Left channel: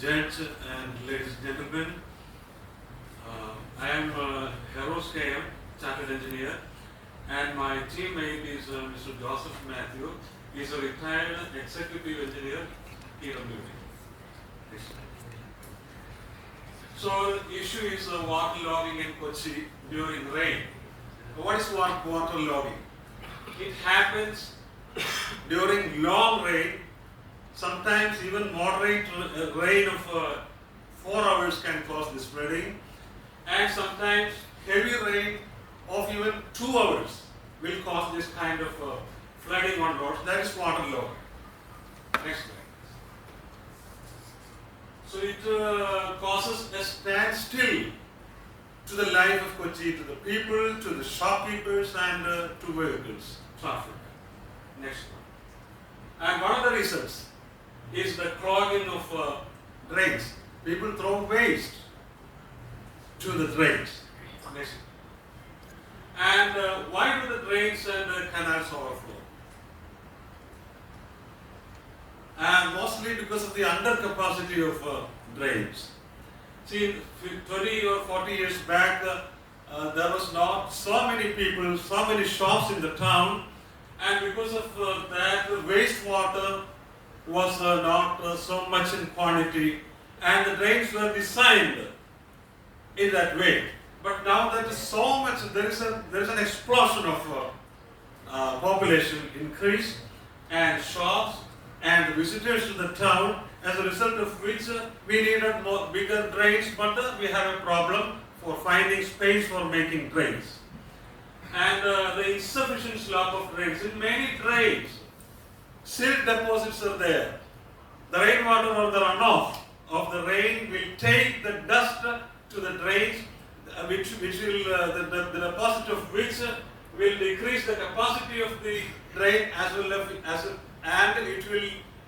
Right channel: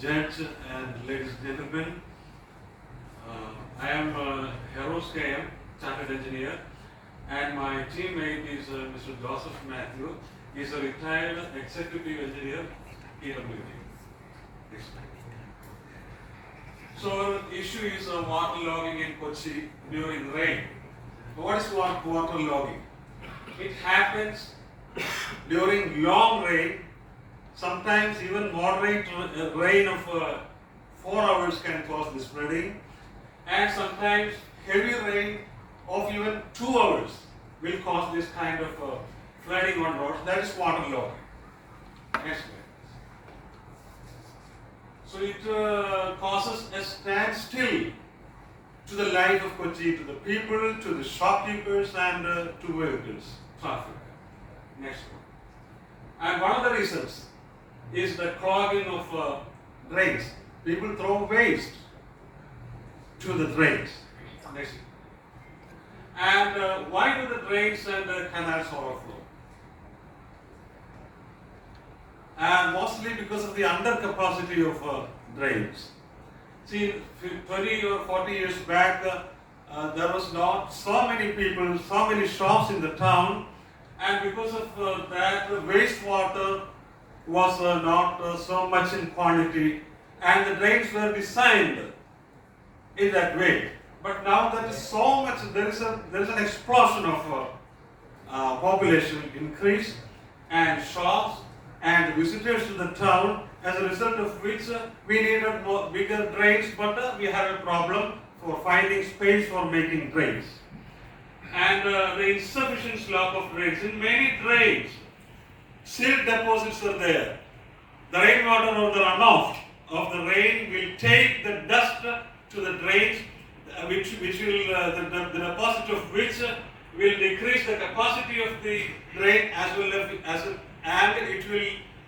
Judge and ladies and gentlemen, I am Herrose KM, Chartered Engineer, and my teammate is Mr. Er.Joseph Mathew. He is a retired executive engineer here in Kochi. So the issue is water logging in Kochi during rain. What is water logging? It happens during long rain. Sometimes even moderate rain of 4 hours can cause this flooding, and sometimes heavy rain of even 2 hours will cause this kind of flooding on roads. That is water logging. Next slide. So it causes a standstill to the life of Kochi, to the people, to the shopkeepers, and to vehicles, traffic. Next one. And one of the reasons is the clogging of drains. People throw waste to the drains. Next. And why do the drains and the canals overflow? And mostly because of the undercapacity of drains. See, 30 or 40 years back, there was not so many people, so many shops in the town, and because of that, the wastewater was not so much in quantity, and the drains were designed in that way. But now there is so much, there is an explosion of population increase and shops and visitors to the town, as a result of which we needed more bigger drains, but we have a problem for finding space for making drains. And the insufficient slope of drains. In many drains, silt deposits are there. The rainwater or the runoff of the rain will take the dust to the drains, which will the deposit of which will decrease the capacity of the drain as well as and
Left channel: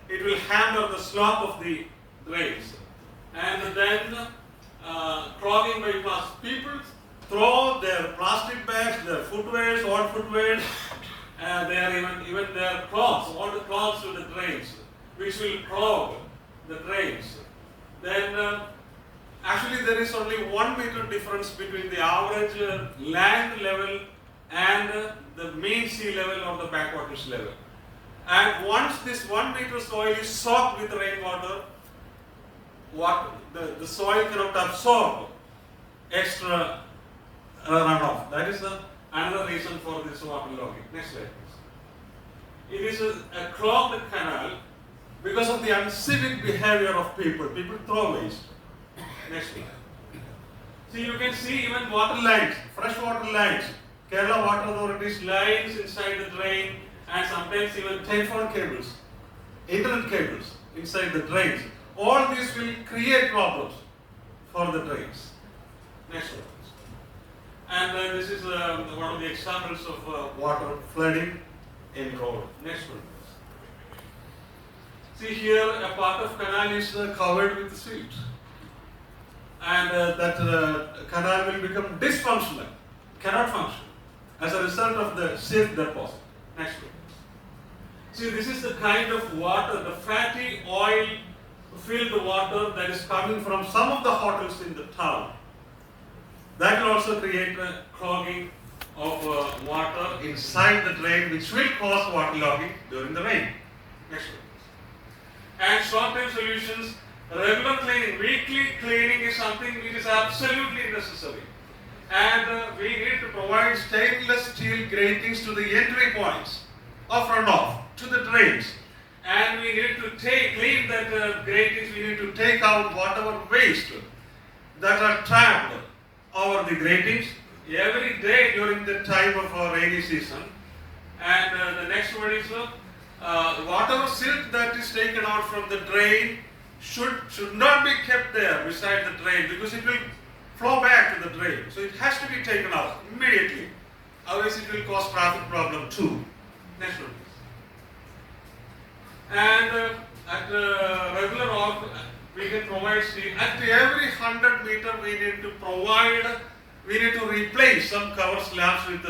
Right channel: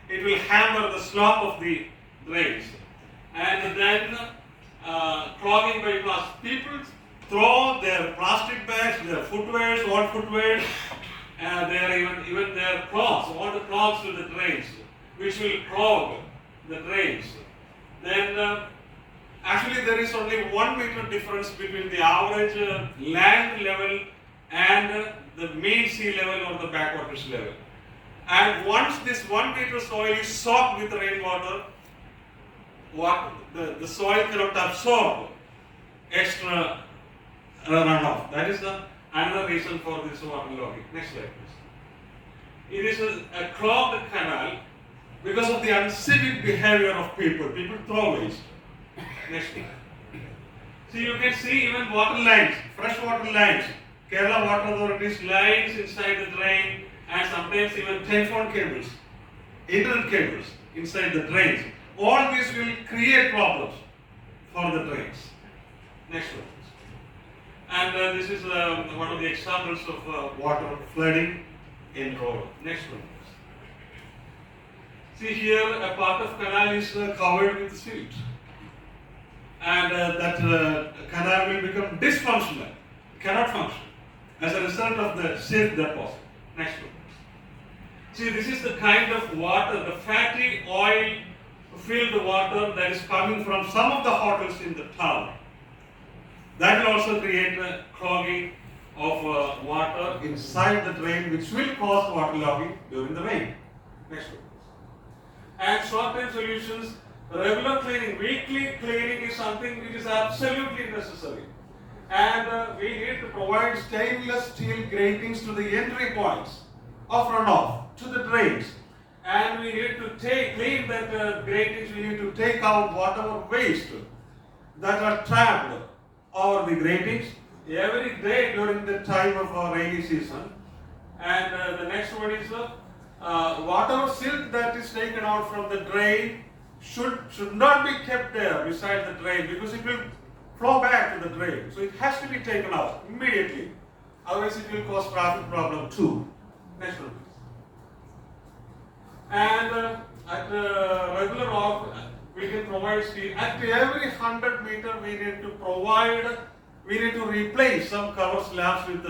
it will hammer the slope of the drains, and then clogging by plastic. People throw their plastic bags, their footwears, old footwear, even their clothes, all the clothes to the drains, which will clog the drains. Then actually there is only 1 meter difference between the average land level and the mean sea level or the backwaters level. And once this 1 meter soil is soaked with rainwater, the soil cannot absorb extra runoff. That is another reason for this water logging. Next slide, please. It is a clogged canal because of the uncivic behavior of people. People throw waste. Next slide. So you can see even water lines, fresh water lines. Kerala Water Authority's lines inside the drain, and sometimes even telephone cables, internet cables inside the drains. All these will create problems for the drains. Next one. And this is one of the examples of water flooding in road. Next one. See here, a part of canal is covered with silt, and that canal will become dysfunctional, cannot function as a result of the silt deposit. Next one. See, this is the kind of water, the fatty oil filled water that is coming from some of the hotels in the town. That will also create a clogging of water inside the drain, which will cause water logging during the rain. Next one. And short-term solutions, regular cleaning, weekly cleaning is something which is absolutely necessary. And we need to provide stainless steel gratings to the entry points of runoff to the drains. And we need to clean that gratings, we need to take out whatever waste that are trapped over the gratings every day during the time of our rainy season. And the next one is whatever silt that is taken out from the drain should not be kept there beside the drain, because it will flow back to the drain. So it has to be taken out immediately. Otherwise it will cause traffic problem too. Next one. And at regular off, we can provide steel. At every 100 meter, we need to replace some cover slabs with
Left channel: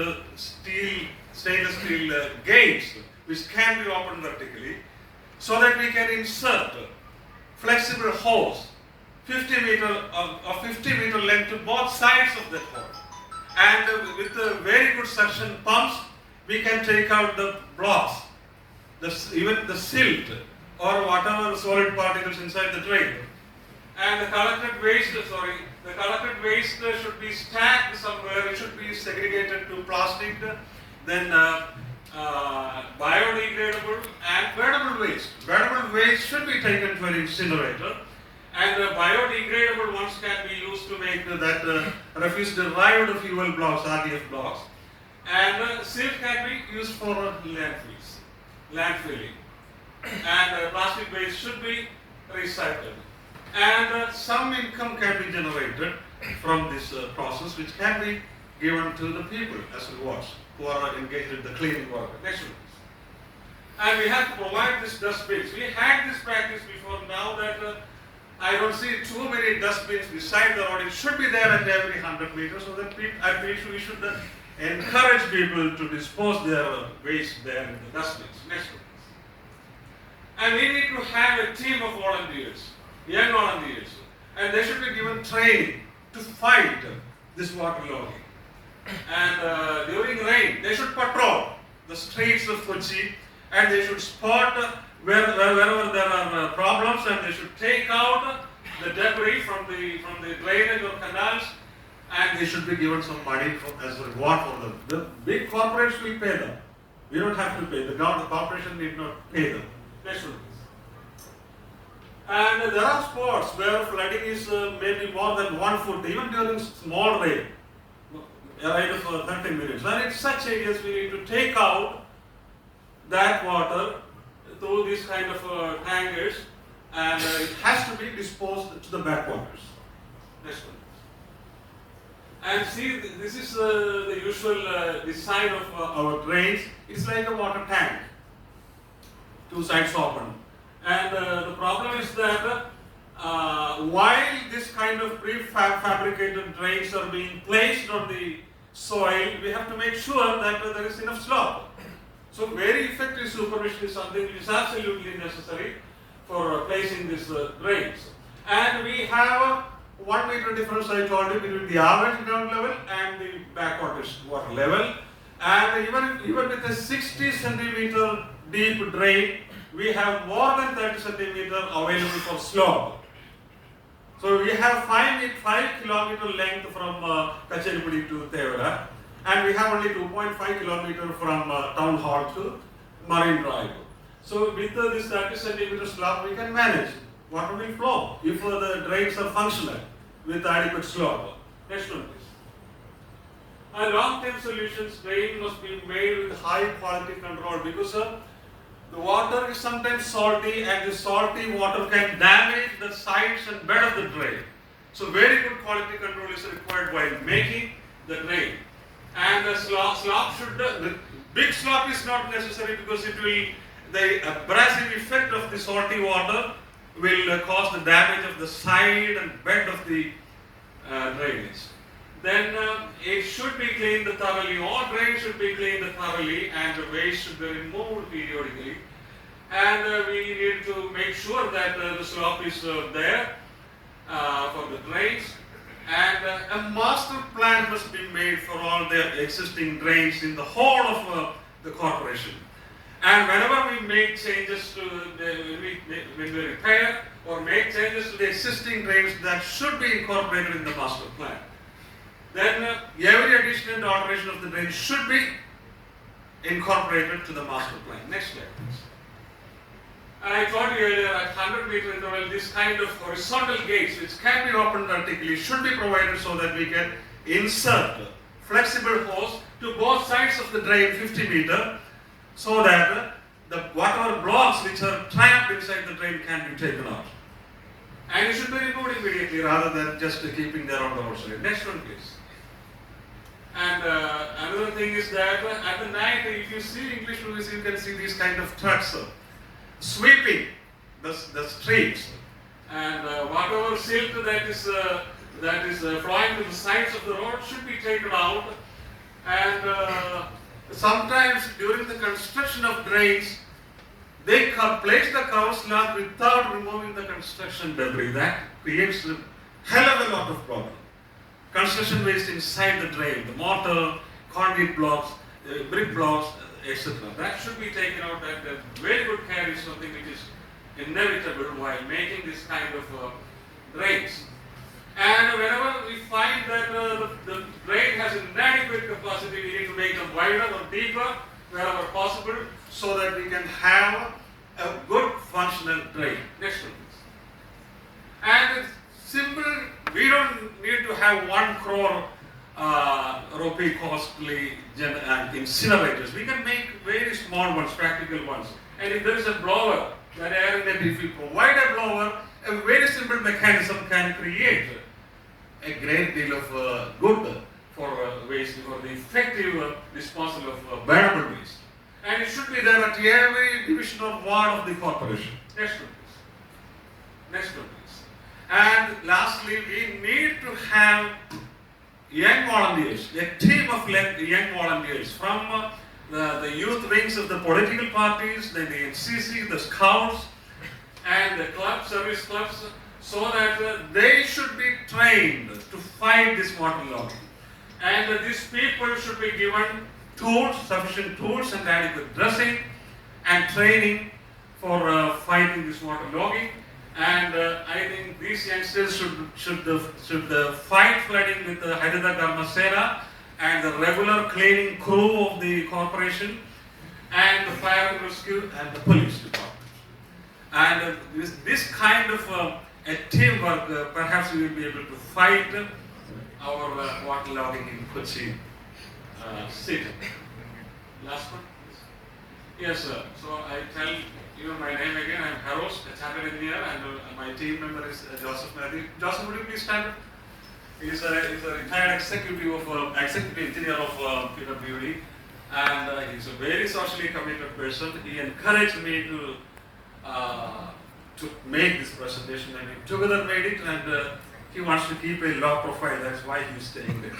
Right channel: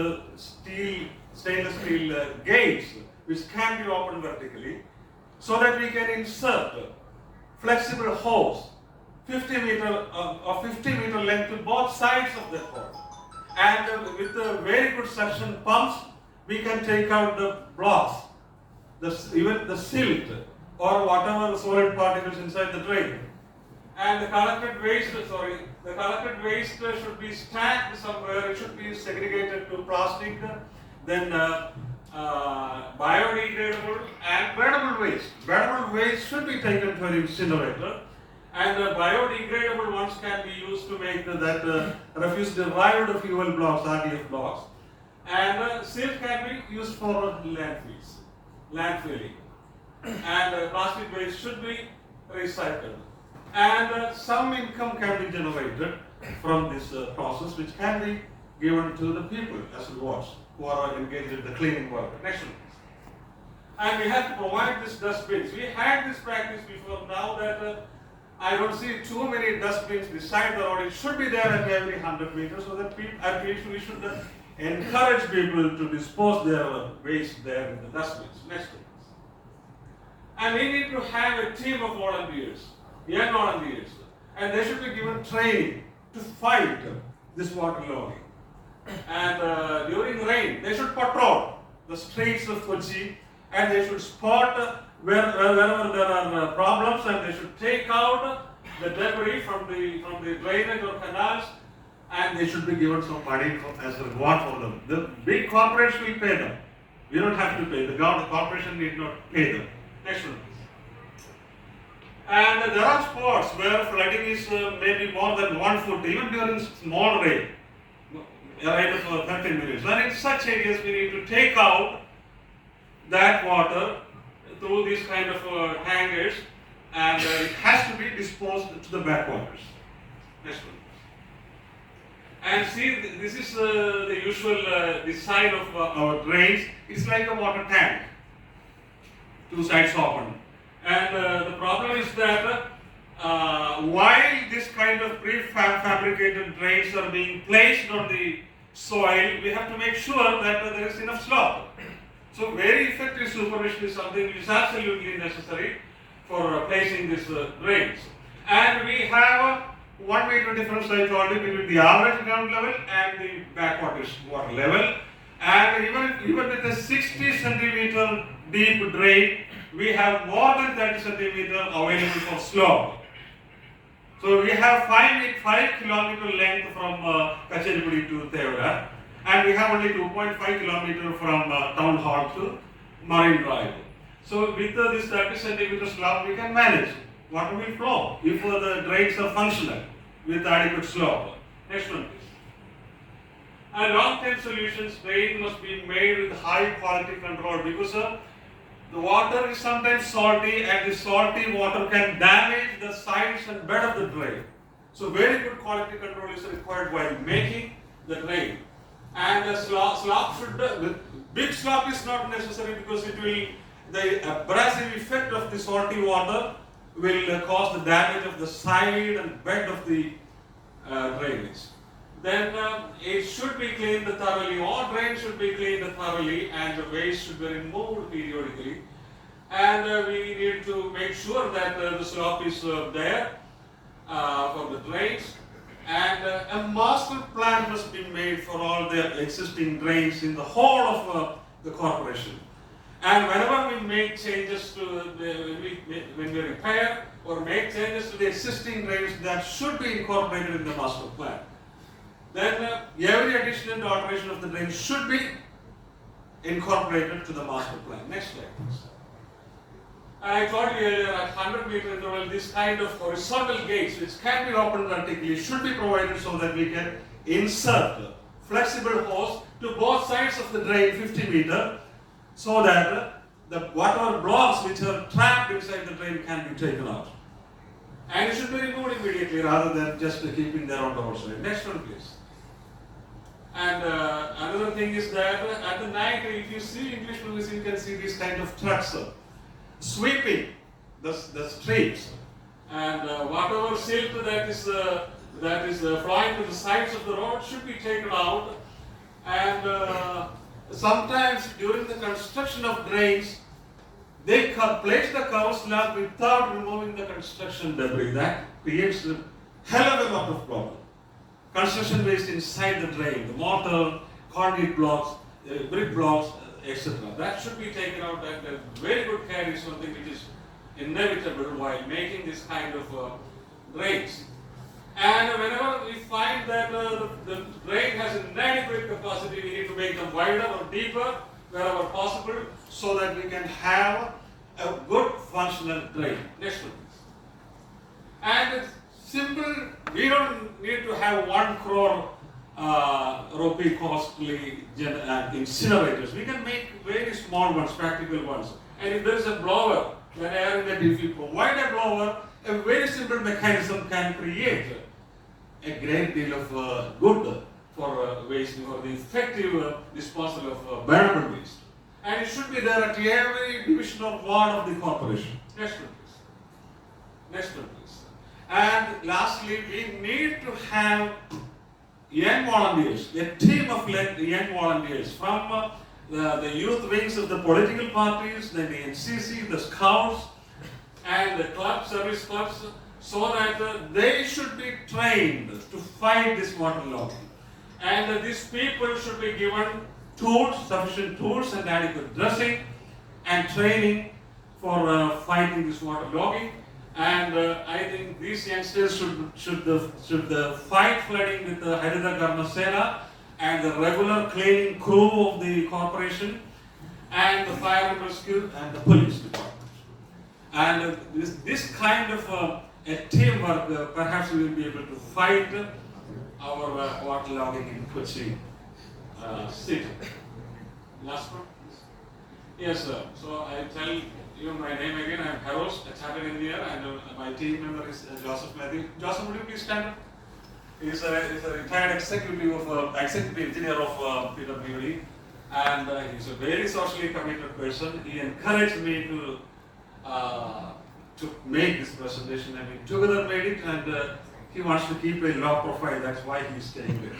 stainless steel gates, which can be opened vertically, so that we can insert flexible hose, 50 meter length to both sides of the hose. And with very good suction pumps, we can take out the blocks, even the silt or whatever solid particles inside the drain. And the collected waste should be stacked somewhere. It should be segregated to plastic, then biodegradable and wettable waste. Wettable waste should be taken to an incinerator, and the biodegradable ones can be used to make that refuse-derived fuel blocks, RDF blocks. And silt can be used for landfilling. And plastic waste should be recycled. And some income can be generated from this process, which can be given to the people as rewards who are engaged in the cleaning work. Next one. And we have to provide these dustbins. We had this practice before. Now that I don't see too many dustbins beside the road, it should be there at every 100 meters, so that we should encourage people to dispose their waste there in the dustbins. Next one. And we need to have a team of volunteers, young volunteers, and they should be given training to fight this water logging. And during rain, they should patrol the streets of Kochi, and they should spot wherever there are problems, and they should take out the debris from the drainage or canals, and they should be given some money as a reward for them. The big corporations will pay them. We don't have to pay. The corporation need not pay them. Next one, please. And there are spots where flooding is maybe more than 1 foot, even during small rain, a rain of 30 minutes. And in such areas, we need to take out that water through these kind of tankers, and it has to be disposed to the backwaters. Next one. And see, this is the usual design of our drains. It's like a water tank, 2 sides open. And the problem is that while this kind of prefabricated drains are being placed on the soil, we have to make sure that there is enough slope. So very effective supervision is something which is absolutely necessary for placing these drains. And we have 1 meter difference, I told you, between the average ground level and the backwaters water level. And even with a 60 centimeter deep drain, we have more than 30 centimeter available for slope. So we have 5 kilometer length from Kacharipudi to Teresa, and we have only 2.5 kilometer from Town Hall to Marine Drive. So with this 30 centimeter slope, we can manage. Water will flow if the drains are functional with adequate slope. Next one, please. And long-term solutions, drain must be made with high quality control, because the water is sometimes salty, and the salty water can damage the sides and bed of the drain. So very good quality control is required while making the drain. And the slope should, the big slope is not necessary, because the abrasive effect of the salty water will cause the damage of the side and bed of the drainage. Then it should be cleaned thoroughly. All drains should be cleaned thoroughly, and the waste should be removed periodically. And we need to make sure that the slope is there for the drains. And a master plan must be made for all the existing drains in the whole of the corporation. And whenever we make changes to when we repair or make changes to the existing drains, that should be incorporated in the master plan. Then every addition and alteration of the drain should be incorporated to the master plan. Next slide, please. I told you earlier, at 100 meter interval, this kind of horizontal gates, which can be opened vertically, should be provided so that we can insert flexible hose to both sides of the drain 50 meter, so that the whatever blocks which are trapped inside the drain can be taken out. And it should be removed immediately rather than just keeping them on the roadside. Next one, please. And another thing is that at the night, if you see English movies, you can see these kind of trucks sweeping the streets, and whatever silt that is flowing to the sides of the road should be taken out. And sometimes during the construction of drains, they place the cover slab without removing the construction debris. That creates a hell of a lot of problem. Construction waste inside the drain, the mortar, concrete blocks, brick blocks, etc. That should be taken out, and very good care is something which is inevitable while making this kind of drains. And whenever we find that the drain has inadequate capacity, we need to make them wider or deeper wherever possible so that we can have a good functional drain. Next one, please. And it's simple, we don't need to have 1 crore rupee costly incinerators. We can make very small ones, practical ones. And if there is a blower, if we provide a blower, a very simple mechanism can create a great deal of good for waste, for the effective disposal of burnable waste. And it should be there at every division or ward of the corporation. Next one, please. Next one, please. And lastly, we need to have young volunteers, a team of young volunteers from the youth wings of the political parties, then the NCC, the Scouts, and the clubs, service clubs, so that they should be trained to fight this waterlogging. And these people should be given tools, sufficient tools and adequate dressing and training for fighting this waterlogging. And I think these youngsters should fight flooding with the Herrose Garmasena and the regular cleaning crew of the corporation and the fire and rescue and the police department. And this kind of a teamwork, perhaps we will be able to fight our waterlogging in Kochi city. Last one, please. Yes, sir. So I tell you my name again. I am Herrose, a chartered engineer, and my team member is Er.Joseph Mathew. Joseph, would you please stand up? He is a retired executive engineer of PWD, and he is a very socially committed person. He encouraged me to make this presentation, and we together made it, and he wants to keep a low profile. That's why he is staying there.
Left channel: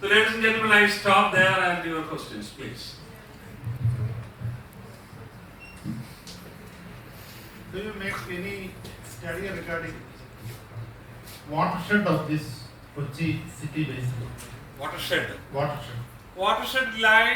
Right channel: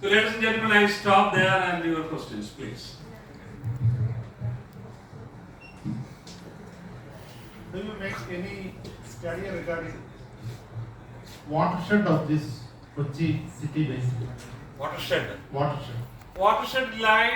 So, ladies and gentlemen, I stop there, and your questions, please. Do you make any study regarding watershed of this Kochi city basin? Watershed. Watershed. Watershed line.